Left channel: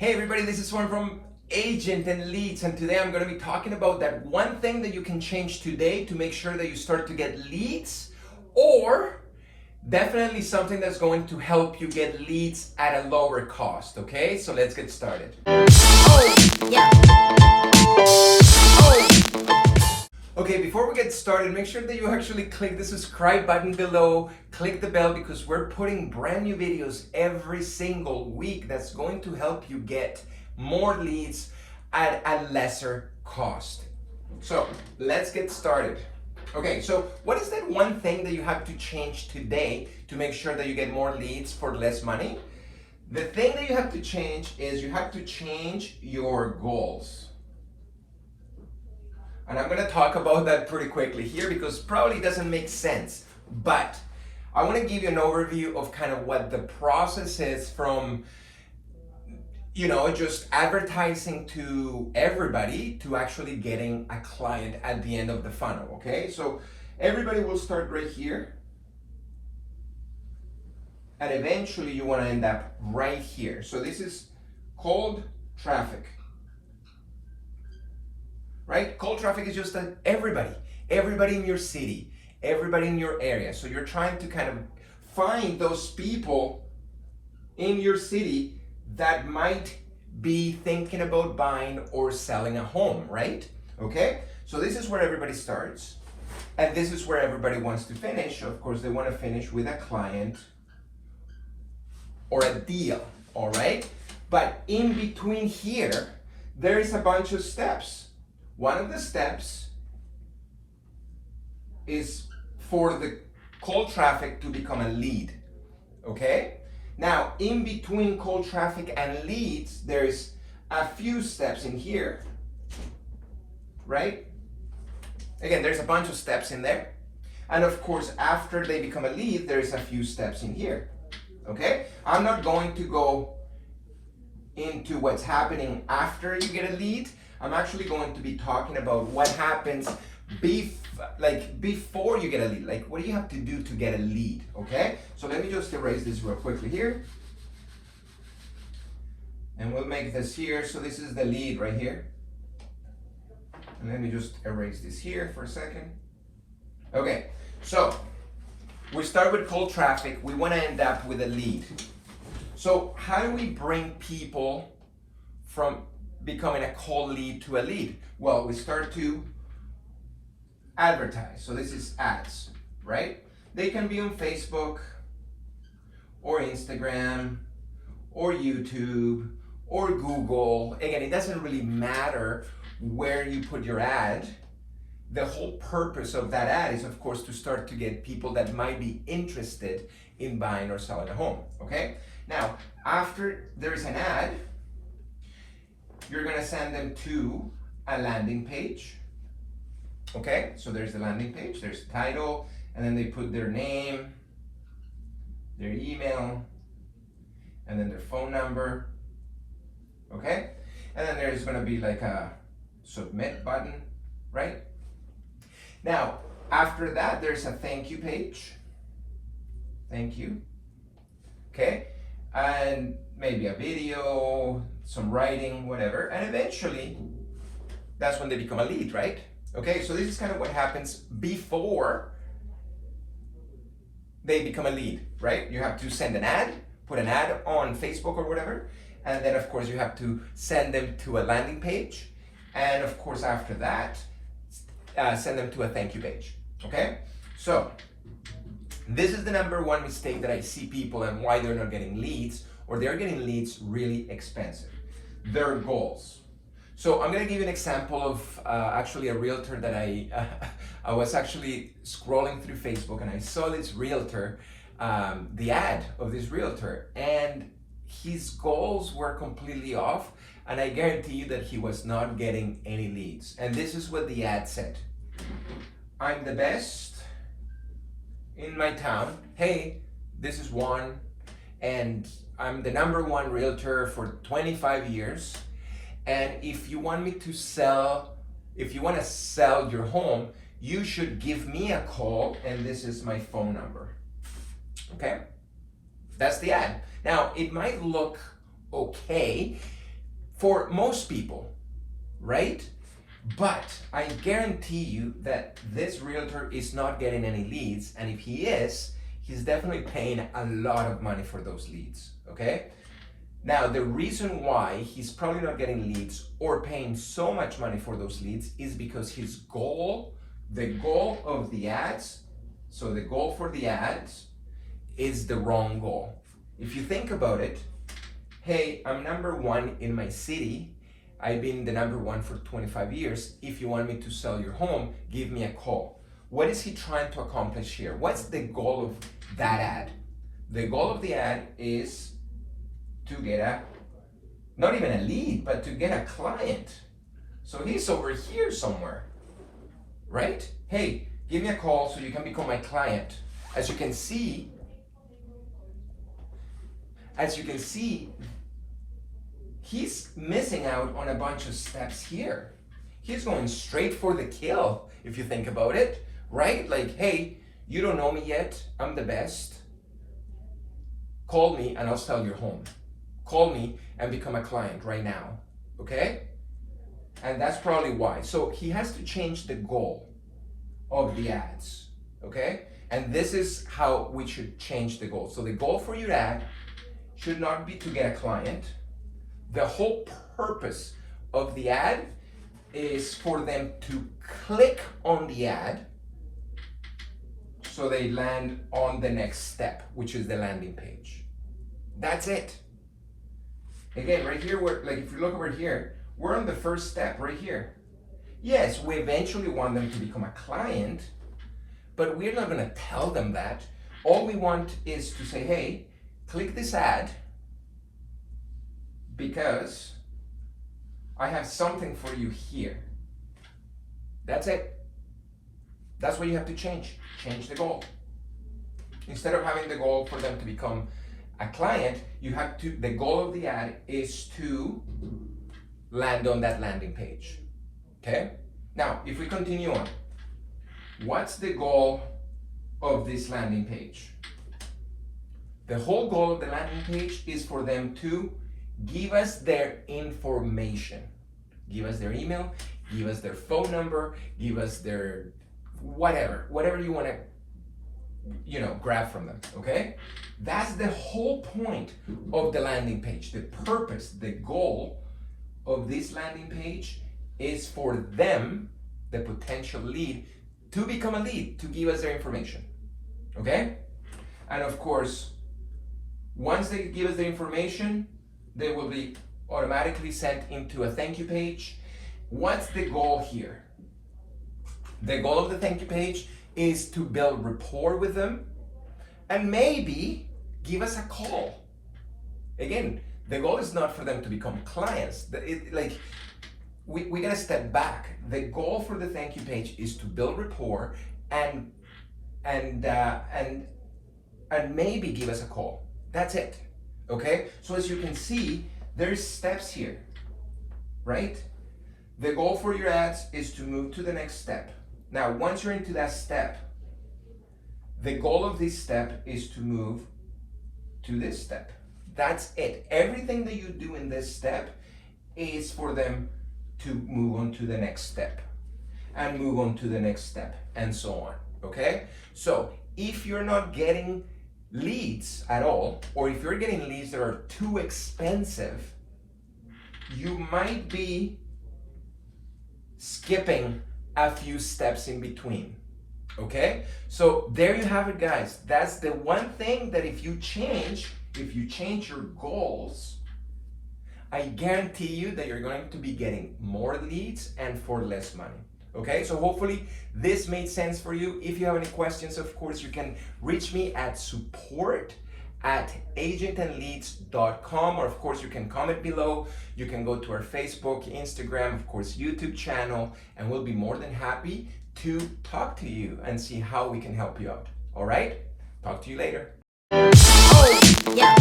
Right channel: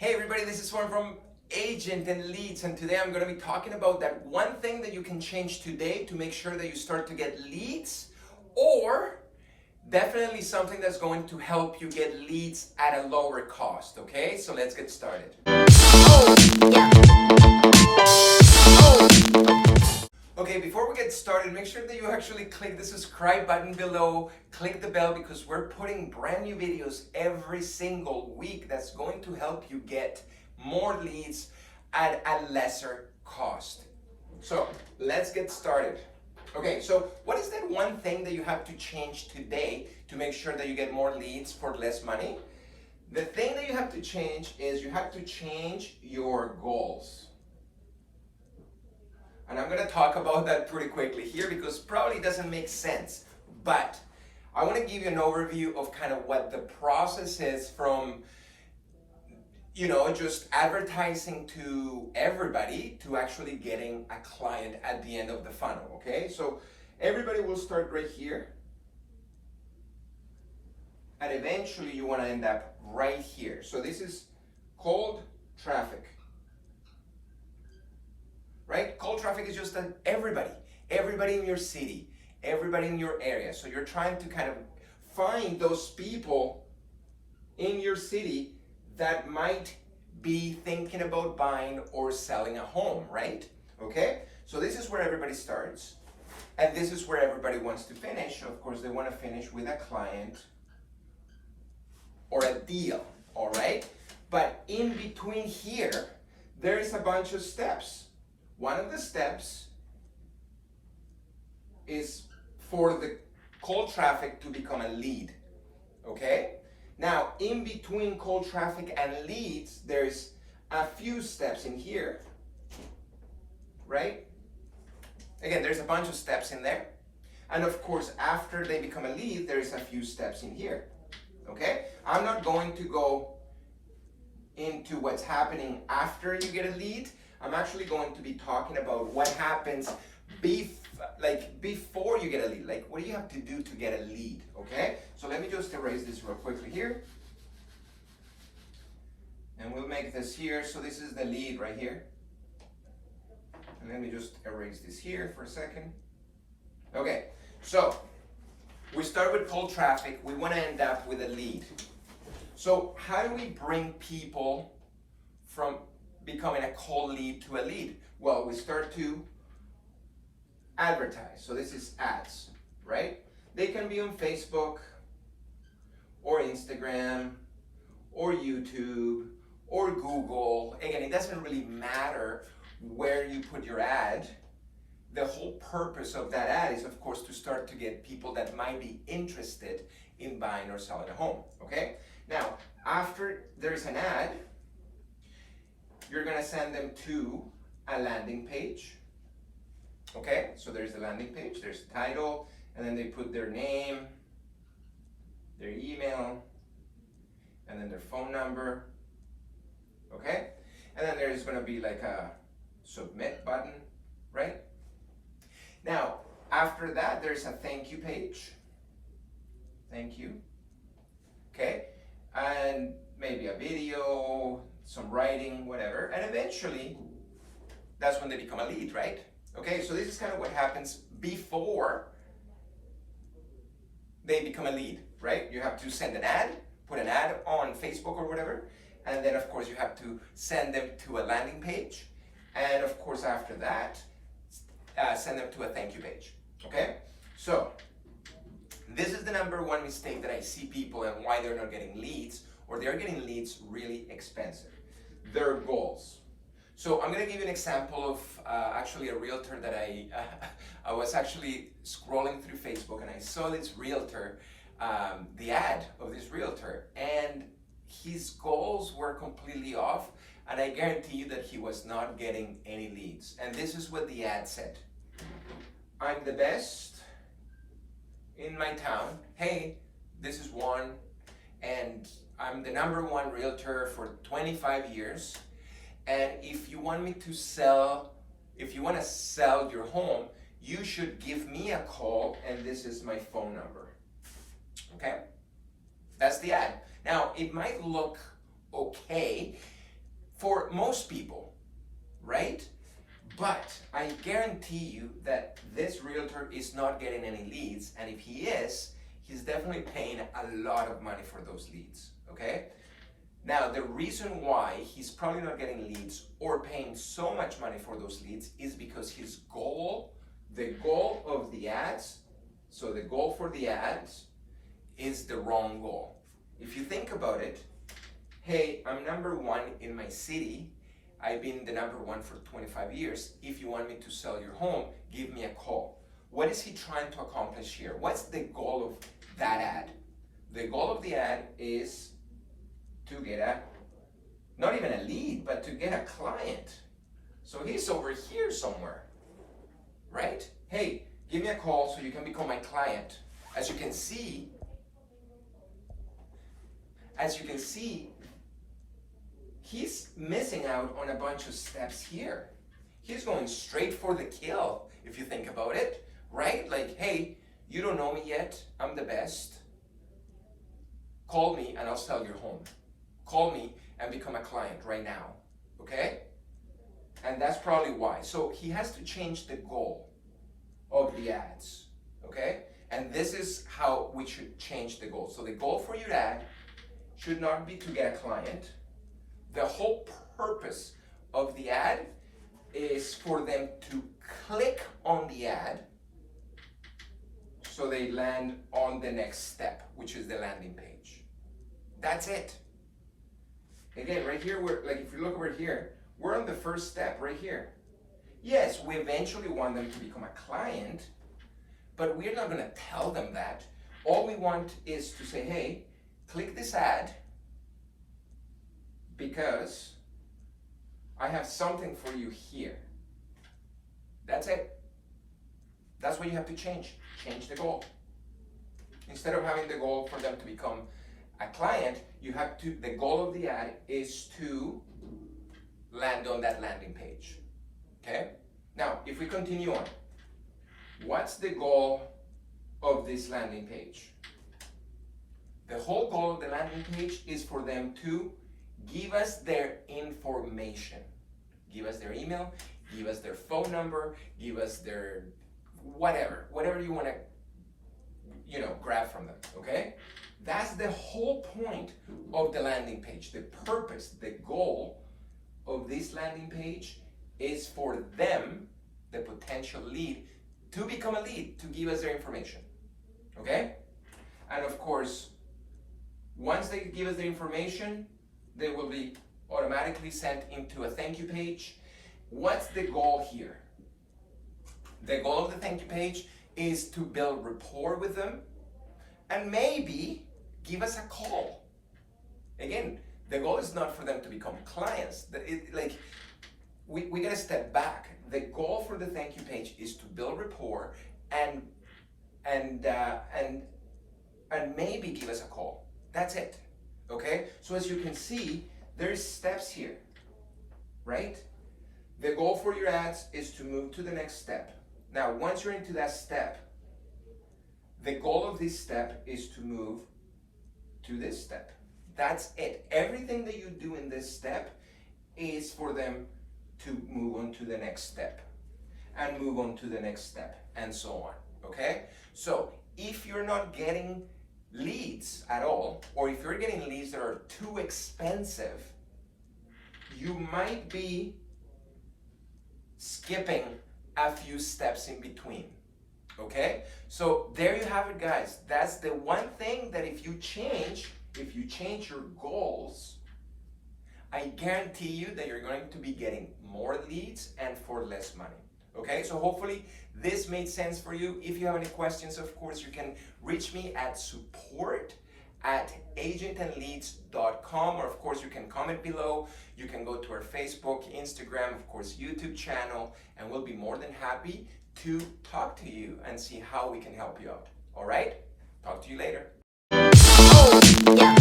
Hey everybody, this is Juan from Agent and Leads, and today I'm going to be talking about that one thing that you can change today to make sure that you start to get leads, or definitely something that's going to help you get leads at a lower cost. Okay, so let's get started. Okay, before we get started, make sure that you actually click the subscribe button below, click the bell, because we're putting brand new videos every single week that's going to help you get more leads at a lesser cost. So let's get started. Okay, so what is that one thing that you have to change today to make sure that you get more leads for less money? The thing that you have to change is you have to change your goals. And I'm going to talk about that pretty quickly here because probably doesn't make sense. But I want to give you an overview of kind of what the process is from, just advertising to everybody to actually getting a client at the end of the funnel. Okay, so everybody will start right here. And eventually you want to end up right here. So this is cold traffic. Right? Cold traffic is just that everybody in your city, everybody in your area. So you're trying to kind of find those people in your city that might be thinking about buying or selling a home, right? Okay? So this is where everybody starts. And this is where everybody wants to finish. Of course, they want to finish with a client or a deal, all right? But in between here, there is a bunch of steps. One of the steps is for the cold traffic to become a lead, okay? Now, in between cold traffic and leads, there's a few steps in here, right? Again, there's a bunch of steps in there. And of course, after they become a lead, there's a few steps in here, okay? I'm not going to go into what's happening after you get a lead. I'm actually going to be talking about what happens before you get a lead. Like, what do you have to do to get a lead, okay? So let me just erase this real quickly here. And we'll make this here. So this is the lead right here. And let me just erase this here for a second. Okay, so we start with cold traffic. We want to end up with a lead. So how do we bring people from becoming a cold lead to a lead? Well, we start to advertise. So this is ads, right? They can be on Facebook or Instagram or YouTube or Google. Again, it doesn't really matter where you put your ad. The whole purpose of that ad is, of course, to start to get people that might be interested in buying or selling a home, okay? Now, after there's an ad, you're gonna send them to a landing page. Okay, so there's the landing page, there's the title, and then they put their name, their email, and then their phone number. Okay, and then there's gonna be like a submit button, right? Now, after that, there's a thank you page. Thank you. Okay, and maybe a video, some writing, whatever, and eventually that's when they become a lead, right? Okay, so this is kind of what happens before they become a lead, right? You have to send an ad, put an ad on Facebook or whatever, and then of course you have to send them to a landing page, and of course after that, send them to a thank you page, okay? So this is the number one mistake that I see people and why they're not getting leads, or they're getting leads really expensive. Their goals. So I'm gonna give you an example of actually a realtor that I was actually scrolling through Facebook and I saw this realtor, the ad of this realtor, and his goals were completely off, and I guarantee you that he was not getting any leads. And this is what the ad said. I'm the best in my town. Hey, this is Juan, and I'm the number one realtor for 25 years. And if you want to sell your home, you should give me a call, and this is my phone number. Okay? That's the ad. Now, it might look okay for most people, right? But I guarantee you that this realtor is not getting any leads, and if he is, he's definitely paying a lot of money for those leads, okay? Now, the reason why he's probably not getting leads or paying so much money for those leads is because his goal, the goal of the ads, so the goal for the ads is the wrong goal. If you think about it, hey, I'm number one in my city. I've been the number one for 25 years. If you want me to sell your home, give me a call. What is he trying to accomplish here? What's the goal of that ad? The goal of the ad is to get not even a lead, but to get a client. So he's over here somewhere, right? Hey, give me a call so you can become my client. As you can see, he's missing out on a bunch of steps here. He's going straight for the kill, if you think about it, right? Like, hey, you don't know me yet, I'm the best. Call me and I'll sell your home. Call me and become a client right now, okay? And that's probably why. So he has to change the goal of the ads, okay? And this is how we should change the goal. So the goal for your ad should not be to get a client. The whole purpose of the ad is for them to click on the ad so they land on the next step, which is the landing page. That's it. Again, right here, like if you look over here, we're on the first step right here. Yes, we eventually want them to become a client, but we're not going to tell them that. All we want is to say, hey, click this ad because I have something for you here. That's it. That's what you have to change. Change the goal. Instead of having the goal for them to become a client, you have to, the goal of the ad is to land on that landing page. Okay? Now, if we continue on, what's the goal of this landing page? The whole goal of the landing page is for them to give us their information. Give us their email, give us their phone number, give us their whatever you want to, grab from them, okay? That's the whole point of the landing page. The purpose, the goal of this landing page is for them, the potential lead, to become a lead, to give us their information, okay? And of course, once they give us the information, they will be automatically sent into a thank you page. What's the goal here? The goal of the thank you page is to build rapport with them and maybe give us a call. Again, the goal is not for them to become clients. We gotta step back. The goal for the thank you page is to build rapport and maybe give us a call. That's it. Okay? So as you can see, there's steps here, right? The goal for your ads is to move to the next step. Now, once you're into that step, the goal of this step is to move to this step. That's it. Everything that you do in this step is for them to move on to the next step and move on to the next step and so on, okay? So if you're not getting leads at all, or if you're getting leads that are too expensive, you might be skipping a few steps in between, okay? So there you have it, guys. That's the one thing that if you change your goals, I guarantee you that you're going to be getting more leads and for less money. Okay, so hopefully this made sense for you. If you have any questions, of course, you can reach me at support@agentandleads.com, or of course you can comment below. You can go to our Facebook, Instagram, of course, YouTube channel, and we'll be more than happy to talk to you and see how we can help you out. All right, talk to you later. Oh, yeah.